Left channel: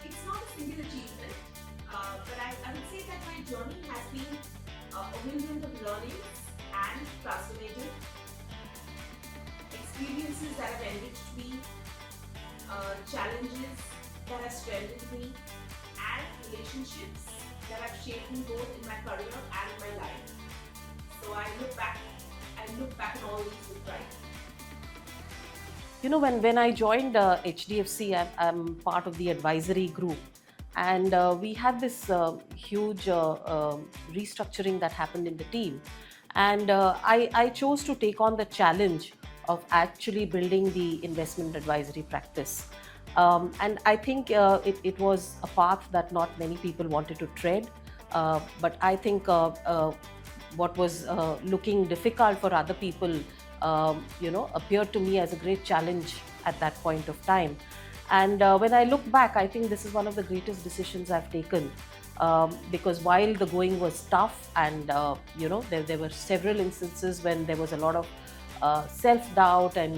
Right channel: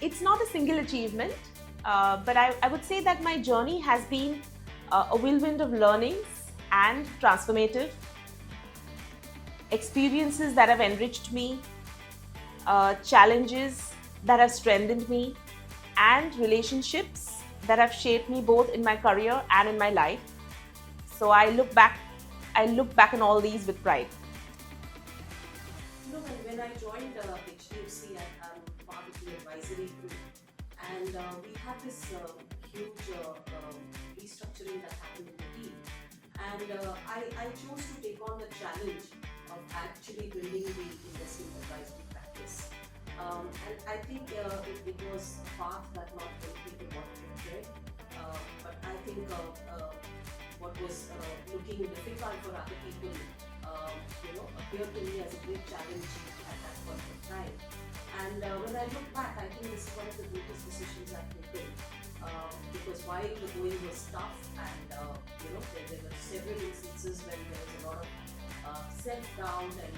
It's not a single achievement, but I would say that my journey has been a whirlwind of learnings and transformative experiences that have enriched me, challenges that have strengthened me, and relationships that have shaped me both in my career and in my life. So I look back on all these with pride. You know, when I joined HDFC, I'm part of the advisory group, and we had this huge restructuring that happened in the team. And I chose to take on the challenge of actually building the investment advisory practice. And I think it was a path that not many people wanted to tread. But I think what was looking difficult for other people, appeared to me as a great challenge at that point of time. And when I look back, I think this is one of the greatest decisions I've taken. Because while the going was tough, and there were several instances when there was a lot of self-doubt, and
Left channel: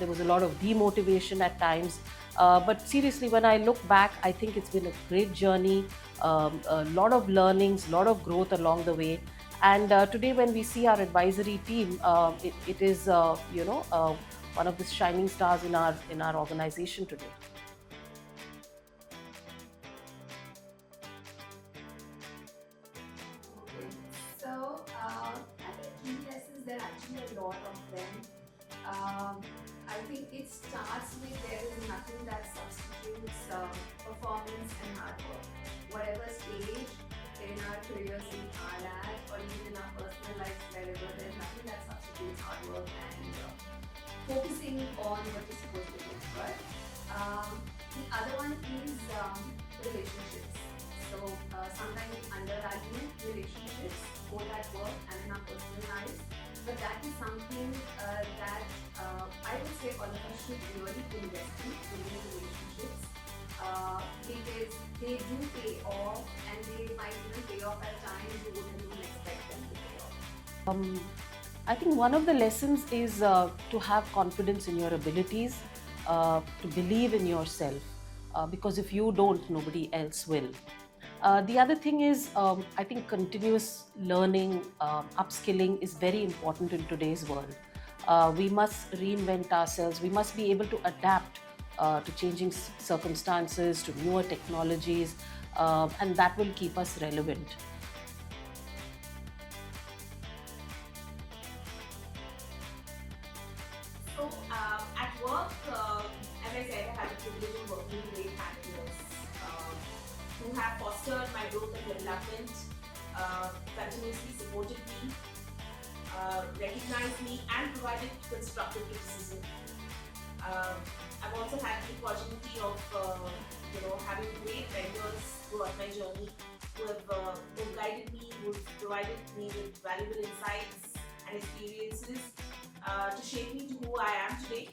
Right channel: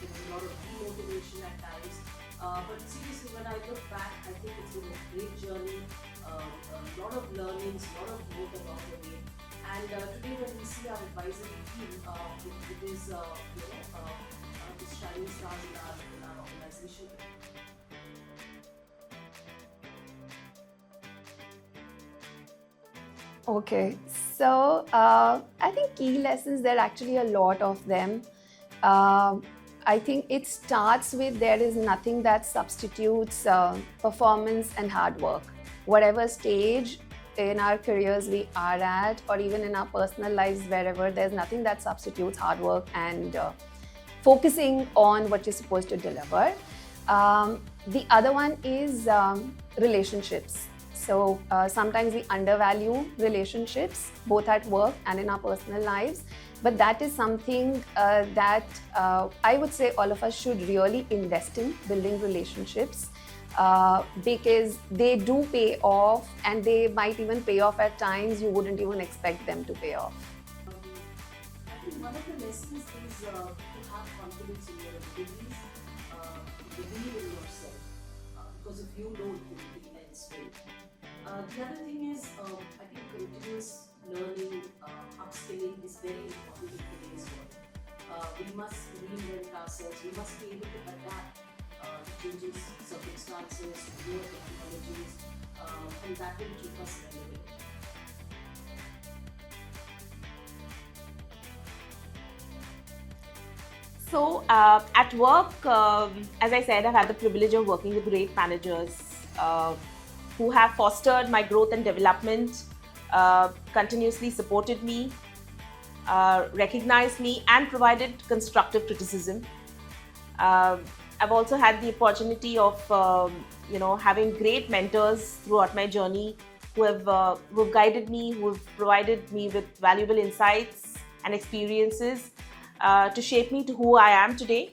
there was a lot of demotivation at times. But seriously, when I look back, I think it's been a great journey, a lot of learnings, a lot of growth along the way. And today, when we see our advisory team, it is one of the shining stars in our organization today. Okay, so I think key lessons, there are actually a lot of them. I think it starts with there is nothing that substitutes performance and hard work. Whatever stage in our careers we are at, or even in our personal lives, wherever, there's nothing that substitutes hard work and focusing on what you're supposed to deliver. The other one is relationships. So sometimes we undervalue relationships, both at work and in our personal lives. But that is something that I would say all of us should really invest in, building relationships, because they do pay off, and they might even pay off at times you wouldn't even expect them to pay off. I think one of the lessons is to have confidence in your abilities, to believe in yourself, because if you don't, nobody else will. The other thing is, I think continuous learning, upskilling is very important in today's world. We must reinvent ourselves. We must be able to adapt to changing circumstances, to newer technologies, and that will keep us relevant. So at work, as I said, I've had the privilege of working with great managers who have fostered my growth and development, continuously supported me, recognized me, and provided constructive criticism. I've also had the opportunity of having great mentors throughout my journey who have guided me, who have provided me with valuable insights and experiences to shape me to who I am today.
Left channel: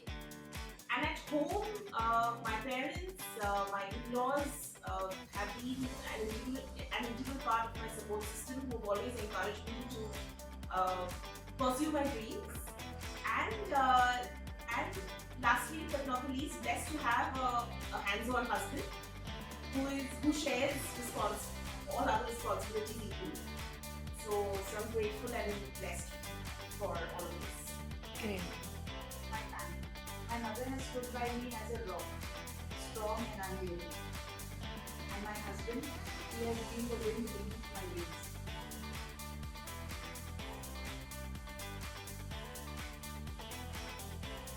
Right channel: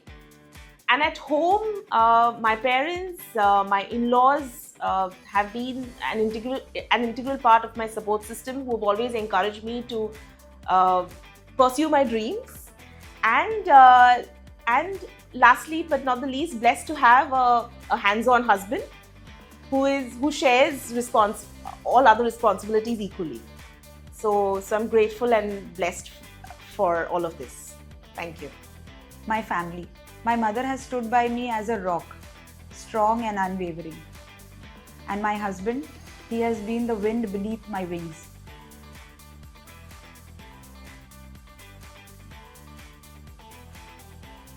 And at home, my parents, my in-laws have been an integral part of my support system, who have always encouraged me to pursue my dreams. And lastly, but not the least, blessed to have a hands-on husband who shares all other responsibilities equally. So I'm grateful and blessed for all of this. Thank you. My family. My mother has stood by me as a rock, strong and unwavering. And my husband, he has been the wind beneath my wings.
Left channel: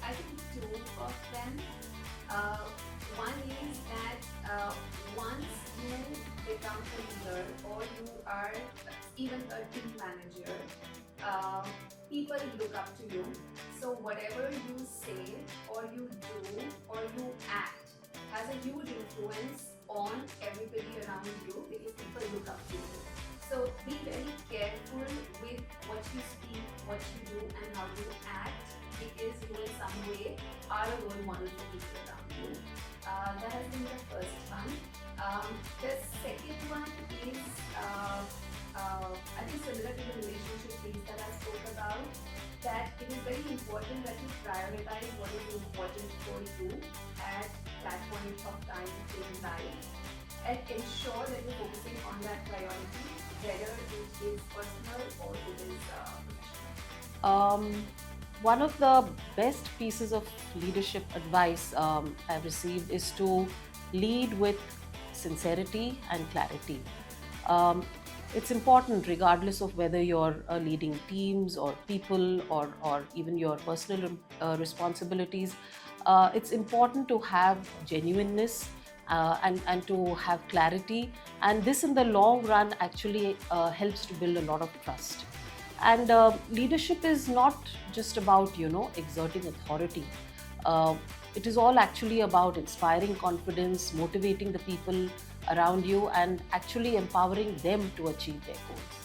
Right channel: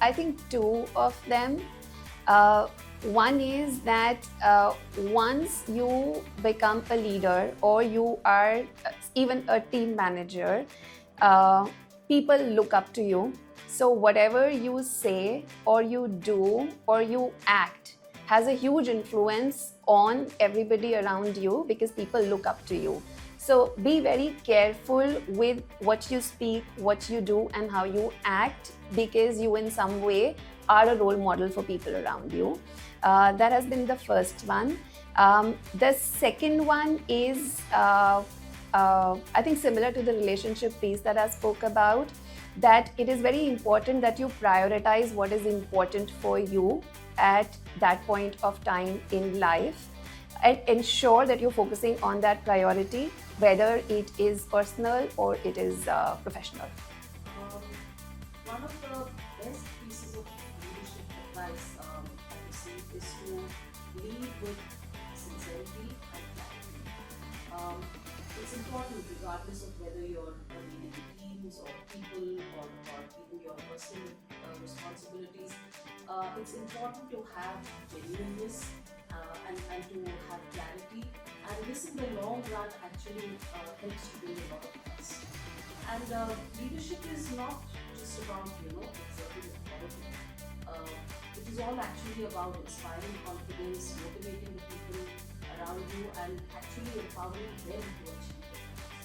I think two of them. One is that once you become a leader, or you are even a team manager, people look up to you. So whatever you say or you do or you act has a huge influence on everybody around you, because people look up to you. So be very careful with what you speak, what you do, and how you act, because you in some way are a role model for people around you. That has been the first one. The second one is I think similar to the relationship piece that I spoke about, that it is very important that you prioritize what is important for you at that point of time in life, and ensure that you're focusing on that priority, whether it is personal or it is professional. Um, One of the best pieces of leadership advice I've received is to lead with sincerity and clarity. Um, it's important, regardless of whether you're leading teams or people, or even your personal responsibilities. It's important to have genuineness and to have clarity. And this, in the long run, actually helps to build a lot of trust. And leadership is not just about, exerting authority. Uh, it is all actually about inspiring confidence, motivating the people around you, and actually empowering them to achieve their goals.